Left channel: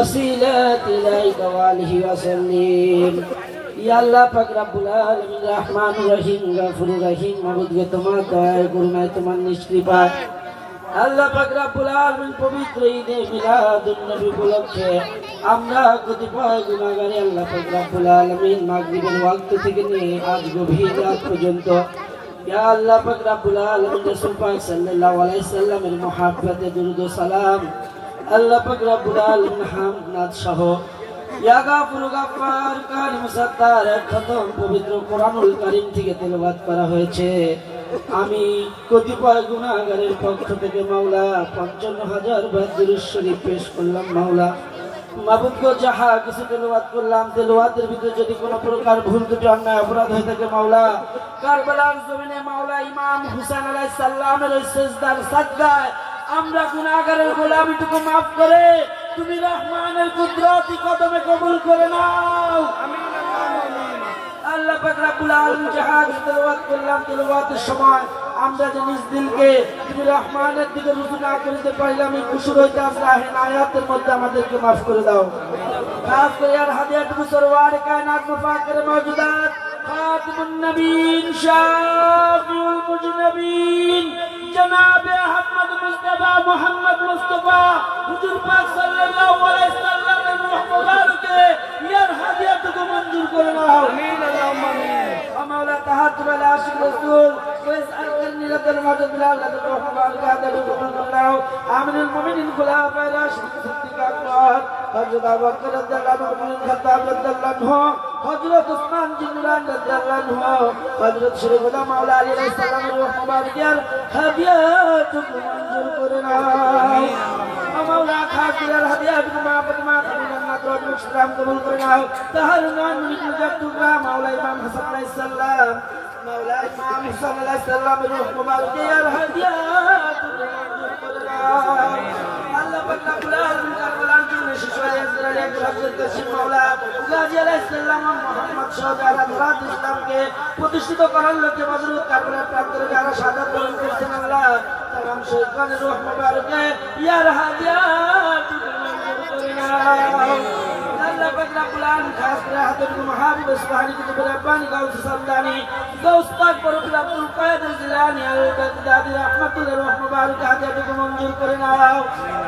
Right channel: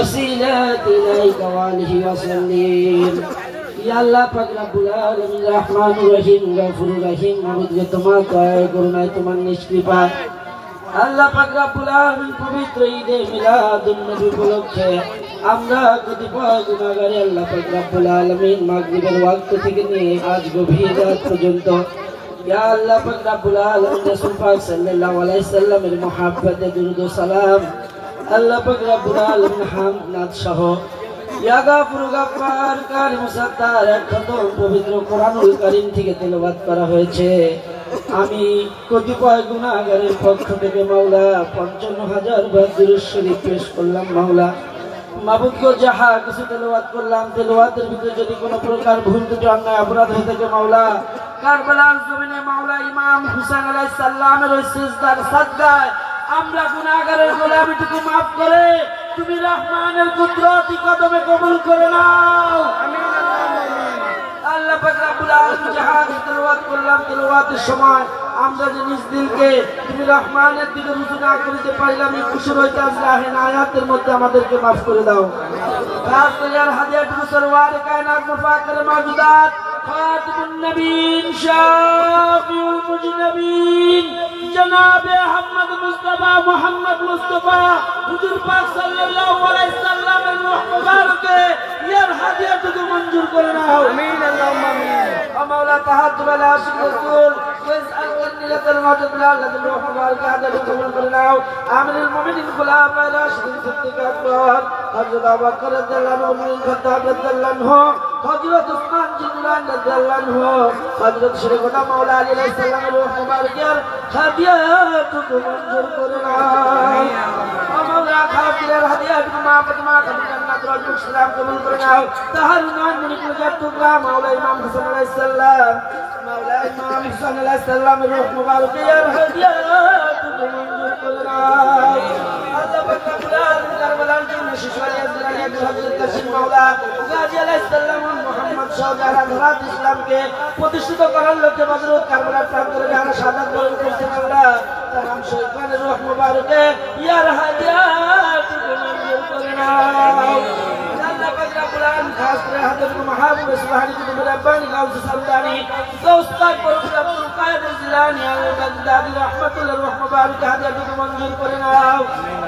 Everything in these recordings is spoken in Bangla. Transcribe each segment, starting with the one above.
वसीलत इलैका वालिहि वसल्लिम। या अल्लाह पाक रब्बुल आलामीन रहमानुर रहीम गफुरुर रहीम মহোদয় তোমার দয়া করুণায় তোমার নিষ্কৃপায় আল্লাহ পাক রব্বুল আলামিন পবিত্র ঈদে মিলাদুন নবী উপলক্ষে আমরা কতিপয় গুনাহগার আল্লাহ পাক রব্বুল আলামিন মাগরিবের ওয়াক্ত থেকে নিয়ে আজ গভীর রাত পর্যন্ত ইয়া আল্লাহ পাক রব্বুল আলামিন রাসূল পাক সাল্লাল্লাহু আলাইহি সাল্লামের মুহাব্বতে দুরূদ ও সালাম আল্লাহ পাক রব্বুল আলামিন হামদ সহ ইয়া গাফুর গাফফার কারিম সাত্তার খতম পবিত্র কোরআনুল কারীম থেকে তেলাওয়াত করা হয়েছে। আমি কতিপয় গুনাহগারের পক্ষ থেকে মাওলা ৫৫,০০০ বার দুরূদ শরীফ পেশ করলাম। মাওলা মাবুদ গো যাহা কিছু তেলাওয়াত করলাম, তেলাওয়াতের ভিতরে যদি কোনো প্রকার ভুল ত্রুটি অন্যায় অপরাধ হয়ে থাকে মাওলা কারবালার জমিনে মাওলা ইমাম হুসাইন আলাইহিস সালামের ওই সিজদার সাদগায় আমরা গুনাহগারের গোলামিটুকু maaf করে তুমি রহমানের কুদরতি কদমে কবুল করে নাও। আমিন আল্লাহুম্মা আমিন। আল্লাহ পাক রব্বুল আলামিন যাহা তেলাওয়াত করলাম, তেলাওয়াতের সময় আমরা যে নিজ দিলকে তুমি রহমানের দিকে রুজু না করতে পারলাম, এই খুশি হইতাম রাহেন আয়াতের মধ্যে আমাদেরকে maaf করে দাও। খাস করে হাদিয়াতুল সরওয়ার কায়নাত মুফাক্কির মাওজুদাত খাতিমুন নবীন শাফিউল মুজনবিন জনাবে আহমদ মুস্তাফা মোহাম্মদ মুস্তাফা হুজুর পাক সাল্লাল্লাহু আলাইহি সাল্লামের রূহ মুবারকে ইয়ার হাদিয়াতুকে মঞ্জুর করে নাও। আমিন আল্লাহুম্মা আমিন। মাওলা তাহাজ্জুদ আলা আশিক রাসূল ওয়াসআল কারনি লাকাল মাওজুদ বিলাল রূহ মুবারকে হাদিয়াতুকে কবুল করে নাও। আমিনুল মুমিনিন খুলাফায়ে রাশিদিন সিদ্দিক আকবর হযরত আবু বকর রাদিয়াল্লাহু আনহু খাত্তাব রাদিয়াল্লাহু আনহু হযরত উসমান জিন্নান রাদিয়াল্লাহু আনহু হযরত শরীফুল্লাহ মাওলা আলী আলাইহিস সালামের রূহ মুবারকের হাদিয়াতুকে মঞ্জুর করে নাও। আমিন মাওলা খাতিরের হাদিয়াতুকে মা কবুল জান্নাত রব্বুল ইসলাম কবুল করে নাও। তাহার নাম নিকু জাতুকা মাওলা ইমাম হাসান আলাইহিস সালাম মাওলা ইমাম হাসান আলাইহিস সালামের রূহ মুবারকের হাদিয়াতুকে মঞ্জুর করে নাও। আল্লাহ পাক রব্বুল আলামিন কারবালার জন্য শিশারে আজরাইল হযরত কাসিম মাওলা গাজী আলাইহিস সালাম মুহাম্মদ শাহজাহান রাত ইসলামকে প্রতিষ্ঠিত করার লক্ষ্যে বদরুদ কারবালার প্রান্তরে যারা শাহাদাত বরণ করেছেন আল্লাহ তার নাম শরীফানের রূহ মুবারকে ইয়ার হাদিয়াতুকে মঞ্জুর করে নাও। আল্লাহ পাক রব্বুল আলামিন খাস করে হযরত মাহবুব সুবহানী কুতুব রাব্বানী গাউস সালতানী গাউস পাক বরকত আব্দুল কাদের জিলানী আল বাগদাদি রাহমাতুল্লাহ রূহ মুবারকে হাদিয়াতুকে মঞ্জুর করে নাও।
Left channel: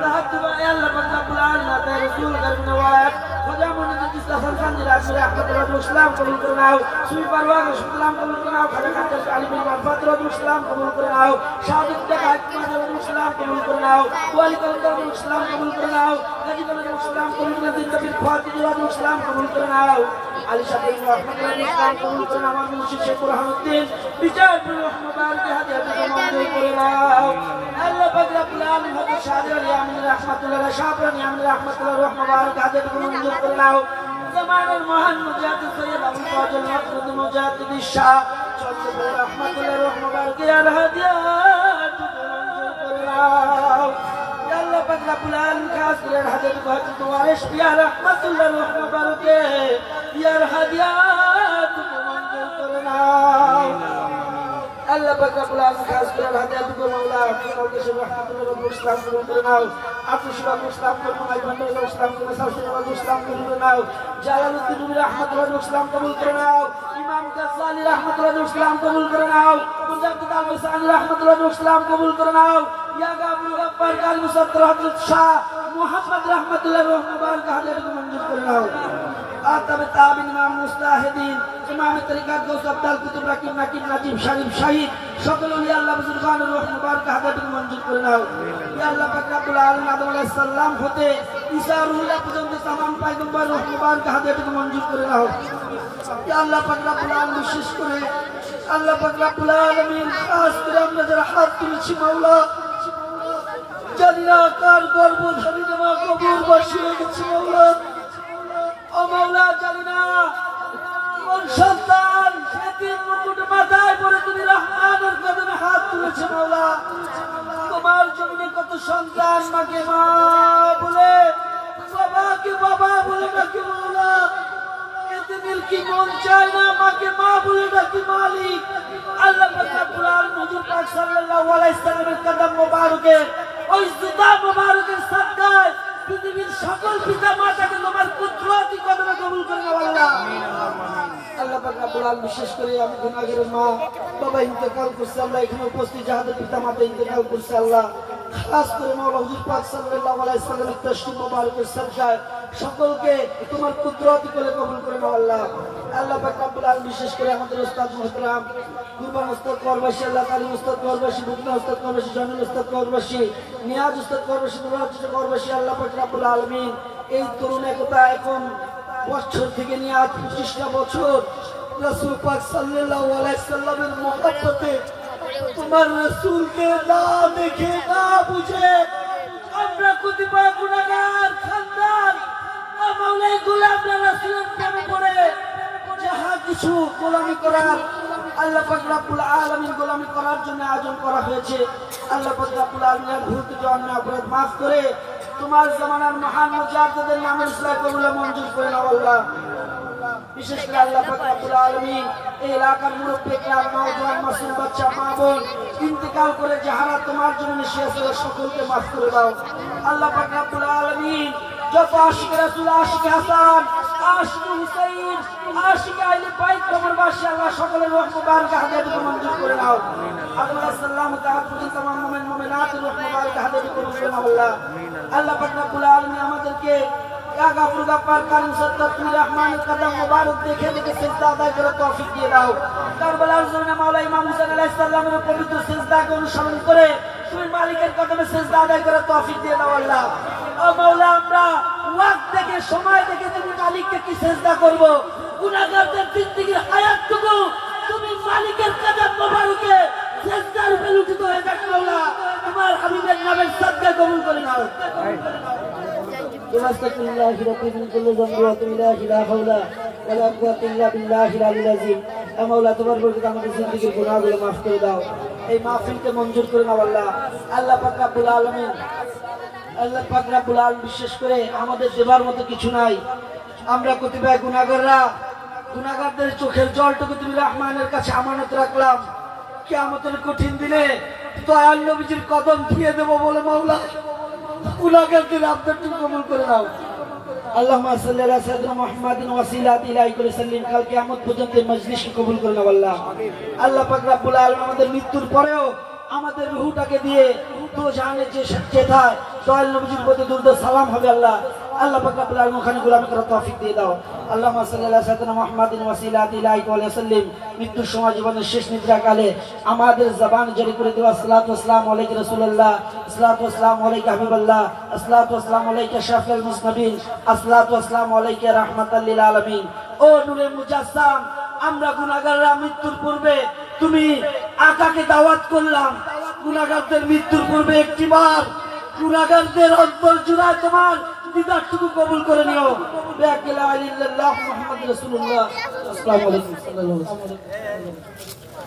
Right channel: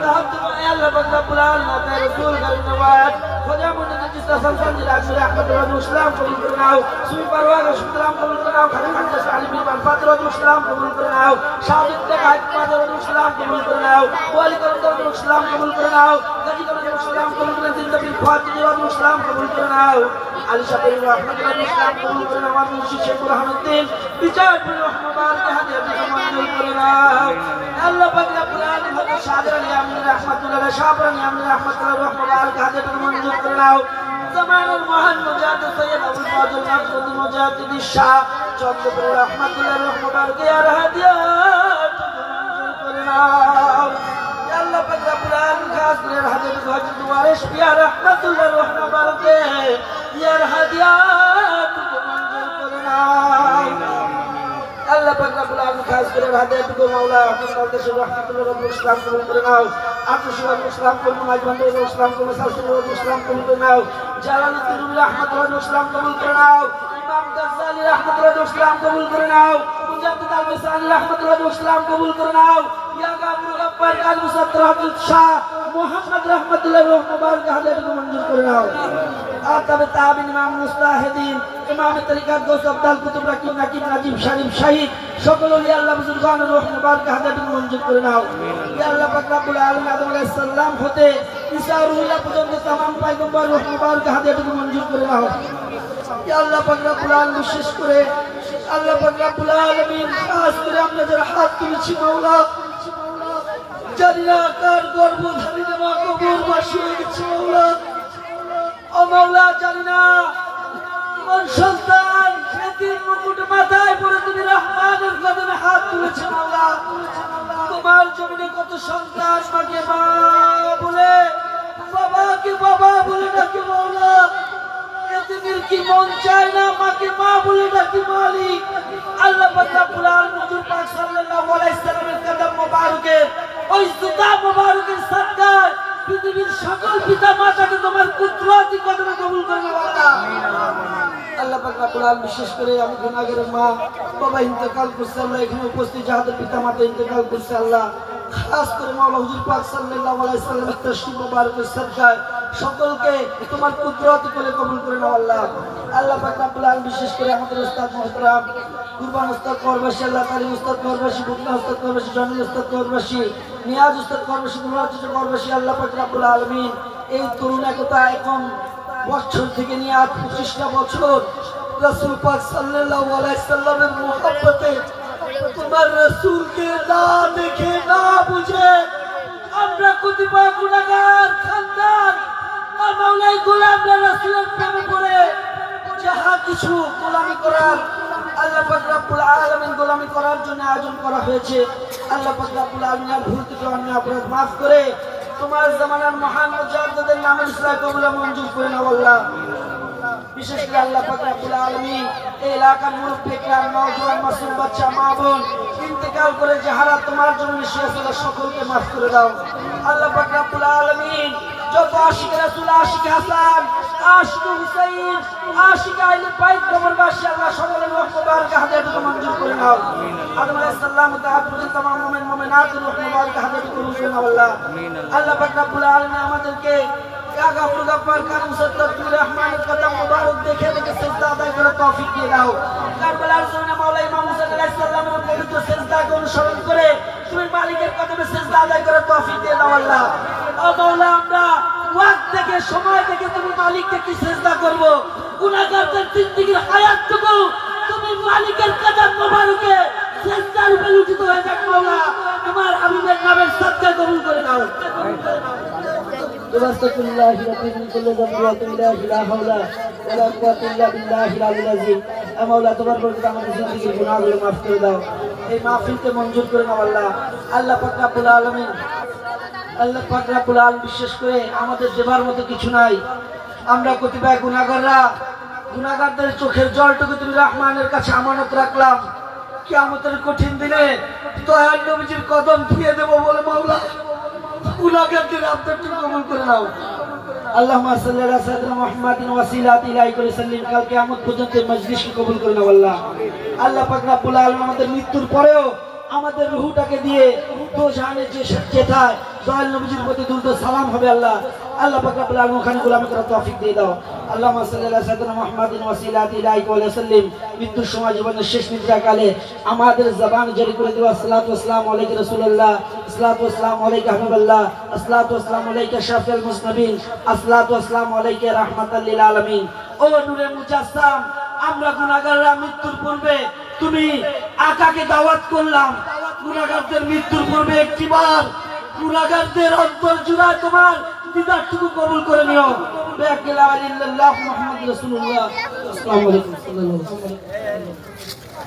তাহাজ্জুদ আল্লাহ পাক রব্বুল আলামিন তার রাসূল গায়ব নওয়াজ খোদা মুন্নাজিদ ইসলাম সানজির আখরি আহমদ রাব্বুল ইসলাম কবুল করে নাও। সুবি পারওয়ার ইসলাম কবুল করে নাও। খাজা খাজা আলী বিন ফাতরুল ইসলাম কবুল করে নাও। শাহিদ তে গায়ব ইসলাম কবুল করে নাও। ওয়ালি করম ইসলাম কবুল করে নাও। গাজী করম ইসলাম কবুল করে জিন্দাবিল ফাতিহ ইসলাম কবুল করে নাও। আলী শাফিঈ রহমাতুল্লাহ ইসলাম কবুল করে নাও। আমার মুর্শিদ শেখ বুরহানুদ্দিন বিচার বিন মুবারক হাদিয়াতুকে মঞ্জুর করে নাও। আল্লাহ পাক রব্বুল আলামিন হযরত শাহজাহান আলী আমিন রাহমাতুল্লাহ শাহরানি আমিন রাহমাতুল্লাহ রূহ মুবারক হাদিয়াতুকে মঞ্জুর করে নাও। জামানের মহান মুজাহিদ সৈয়দ আবুল ফাজল মাকসুদ মুজাহিদ শাহ চন্দ্রপুর রহমাতুল্লাহ রূহ মুবারকে আর হাদিয়াতুকে মঞ্জুর করে নাও। ইয়া আল্লাহ পাক রব্বুল আলামিন খাস করে হাদিয়াতুকে হযরত ওয়ারিস পিয়া রহমাতুল্লাহ রূহ মুবারকে ইয়ার হাদিয়াতুকে মঞ্জুর করে নাও। আল্লাহ পাক রব্বুল আলামিন খাস করে হাদিয়াতুকে মাওলা আব্দুল রহমাতুল্লাহ রব্বুল ইসলাম কবুল করে নাও। আব্দুল সুবহান ইসলাম কবুল করে নাও। আজমান ইসলাম কবুল সালসিল রব্বুল ইসলাম কবুল করে নাও। জালালউদ্দিন রুমি রহমাতুল্লাহ ইসলাম কবুল করে নাও। ইমাম গাজ্জালি রহমাতুল্লাহ ইসলাম কবুল করে নাও। মুজাদ্দিদ আল-মিসানি রহমাতুল্লাহ ইসলাম কবুল করে নাও। ইয়া গাফুর গাফফার আল-মুসাত্তার হযরত শাহ মুহাম্মদ রহমাতুল্লাহ রূহ মুবারক হাদিয়াতুকে মঞ্জুর করে নাও। আর তবে তাবিন ইমাম মুস্তাহিদিন ইমাম তরিকাত গৌস আব্দুল কুতুব রাকিব নাকিব নাজিব শরীফ শাহিদ সকল ওলিয়া আল্লাহ বুজুর্গানের রূহ মুবারক হাদিয়াতুকে মঞ্জুর করে নাও। ইয়া আল্লাহ পাক রব্বুল আলামিন আদম আলাইহিস সালাম হতে ঈসা রুহুল্লাহ পর্যন্ত तमाम পয়গম্বর রূহ মুবারক হাদিয়াতুকে মঞ্জুর করে নাও। ইয়া আল্লাহ পাক রব্বুল আলামিন বিশেষ করে আল্লাহ পাক রব্বুল আলামিন খাস করে আমরা যারা হাত তুলেছি মাওলা জানিনা কার গর্ভধারী মা কবর বসিয়ে গেছে মাওলা। ও মাওলা জানিনা কোন সন্তান সেদিন মুকুট মাথায় পরে তুমি রহমানের কদমে হাত তুলেছে মাওলা। তোমার জমিনে কত সন্তান মাকে মা বলে বাবাকে বাবা বলে ডাকে মাওলা। এদের কি মন চায় না মাকে মা বলে ডাকি মালিক। আল্লাহ পাক রব্বুল আলামিন হুজুর পাক সাল্লাল্লাহু আলাইহি সাল্লামের কদম মোবারকের ওই জুতা মোবারকের সাদকায় পৃথিবীর সকল পিতা মাতাকে তোমার কুদরতি কদমে কবুল করে নাও আল্লাহ। আল্লাহ পাক রব্বুল আলামিন বিশেষ করে আমি গুনাহগারের মা বাবা ইন্তেকাল করছে আল্লাহ, এখানে উপস্থিত যাদের পিতা মাতা ইন্তেকাল করছে আল্লাহ, খাস করে মাওলা হুজুর পাক সাল্লাল্লাহু আলাইহি ওয়াসাল্লামের তাশরীফ মুবারকের সাদকায় সকলকে তোমার কুদরতি করে কবুল করে নাও আল্লাহ। আল্লাহ পাক রব্বুল আলামিন বিশেষ করে আমাদের উস্তাদ মুহতারাম কুরবান উস্তাদ করবাসী, আল্লাহ কালিম উস্তাদ করবাসী, বুকনা উস্তাদ করবাসী, জামিল উস্তাদ করবাসী, নিয়াজ উস্তাদ করবাসী, দুলাচিত করবাসী, আল্লাহ পাক রব্বুল আলামিন এই তরুণ একতা এখন বছর থেকে নিয়ে আজ 25টা বছর রাসূল পাক সাল্লাল্লাহু আলাইহি সাল্লামের মহব্বতে তোমার রাসূলকে না দেখে না বুঝে আমরা কতিপয় গুনাহগার খানদান আর মাওলাই গোলামরা রাসূলের প্রেমে পড়ে যাহা কিছু গোলামি করার আল্লাহ পাক রব্বুল আলামিন গোলামি করার জন্য আয়োজন করা হয়েছে, আল্লাহ পাক রব্বুল আলামিন ভুল থেকে অন্যায় অপরাধ মাফ করে তোমার জামানার মহান মুজাদ্দিদের নামের ইসলাম কবুল মঞ্জুর করে নাও আল্লাহ। বিশেষ করে আল্লাহ পাক রব্বুল আলামিন এই এলাকার মুরব্বি کرام নওজোয়ান মাসুম বাচ্চা মা বোন ইন্তেকাল করে যাহারা তোমার জন্য এসেছে সকলকে মাফ করে দাও আল্লাহ পাক রব্বুল আলামিন। যত আশিক রাসূল, আশিক হাসান, আশিক হুসাইন, আশিক আহলে বাইত কবরবাসী আল্লাহ সকলের রহমত মুবারক হাদিয়াত মঞ্জুর করে নাও। আদম আলাইহিস সালাম তাআলা পর্যন্ত তমাম মুমিন মুমিনাতের রহমত মুবারক হাদিয়াত কবুল করে নাও আল্লাহ। আল্লাহ পাক রব্বুল আলামিন আমাদেরকে গাফর গাফার কারীম সত্তাতুর রহমানের কদম মুবারক দেখে দেখে সিজদা আদায় করার তৌফিক দিয়ে দাও। কারবালার জমিনে মাওলা ইমাম হুসাইন আলাইহিস সালামের পবিত্র সিজদাকে অনুসরণ করে তুমি মালিকের কদমে সিজদা আদায় করার তৌফিক দিয়ে দাও আল্লাহ। ও মাওলা আমরা ওয়াক্ত দেখে সময় দেখে তুমি মালিককে কি সিজদা করব, গুনাহগারদের জিন্দেগীর হায়াতটুকু তুমি মালিকের কদম মুবারকে সিজদার উপরে লুটিত হয়ে যাক মাওলা। তোমার হাবিবের নামের সাদকা কবুল করে নাও। আস্তাগফিরুল্লাহি রাব্বি মিন কুল্লি যামবি ওয়া তুবু ইলাইহি লা হাওলা ওয়া লা কুওয়াতা ইল্লা বিল্লাহিল আলিয়্যিল আযীম। মাওলা তোমার বরকতে আমাদের জিন্দেগীর গুনাহগুলো মাফ করে দাও, এই মাহফিলকে মঞ্জুর করে নাও আল্লাহ। আল্লাহ পাক রব্বুল আলামিন, আল্লাহ পাক রব্বুল আলামিন বিশেষ করে আমাদের দেবার মতো কিছু নাই, আমরা কতিপয় গুনাহগাররা গুনাহগারদের চোখের জলটুকু তুমি রহমানের কাছে আমানত রাখলাম, কিয়ামতের কঠিন দিনে দয়াল নবীজির কদম ধুয়ে দেব বলে মাওলা গুনাহগারদের আবদারটুকু কবুল করে নাও। আল্লাহুম্মা সাল্লি আলা সাইয়্যিদিনা মুহাম্মাদিন ওয়াসিলাতি ইলাইহি ওয়া সাল্লিম। কাল কিয়ামত পর্যন্ত মজলিসকে কবুল করে নাও আল্লাহ। আল্লাহ পাক রব্বুল আলামিন আমাদের মৃত্যুর পরেও আমাদের রূহটাকে দিয়ে দোজাহানে যে যেথায় দয়াল নবীজির প্রতি দুরূদ সালাম হবে আল্লাহ। আল্লাহ পাক রব্বুল আলামিন ওখানে গোলামি করার তৌফিক দিয়ে দাও। আল্লাহুম্মা সাল্লি আলা সাইয়্যিদিনা মুহাম্মাদিন ওয়াসিলাতি ইলাইহি ওয়া সাল্লিম। মৃত্যুর সময় জীবনের শেষ নিদ্রাকালে আমাদের জবান জারি করে দেওয়া সালাতু ওয়াসসালামু আলাইকা রাসূলুল্লাহ, সালাতু ওয়াসসালামু আলাইকা হাবিবাল্লাহ, সালাতু ওয়াসসালামু আলাইকা শাফিউল মুজনিবিন, সালাতু ওয়াসসালামু আলাইকা রাহমাতাল লিল আলামিন। ও নূরে মুজাসসাম, আমরা গুনাহগাররা মৃত্যুর পূর্বে তুমি আকাকে দাওয়াত করলাম, গুনাহগারদের মৃত্যুর পূর্বে একটিবার গুনাহগারদের অন্তর জুড়ায় তোমার দিদারটুকু কবুল করে নিও। লা ইলাহা ইল্লাল্লাহ মুহাম্মাদুর রাসূলুল্লাহ। আসসালামু আলাইকুম।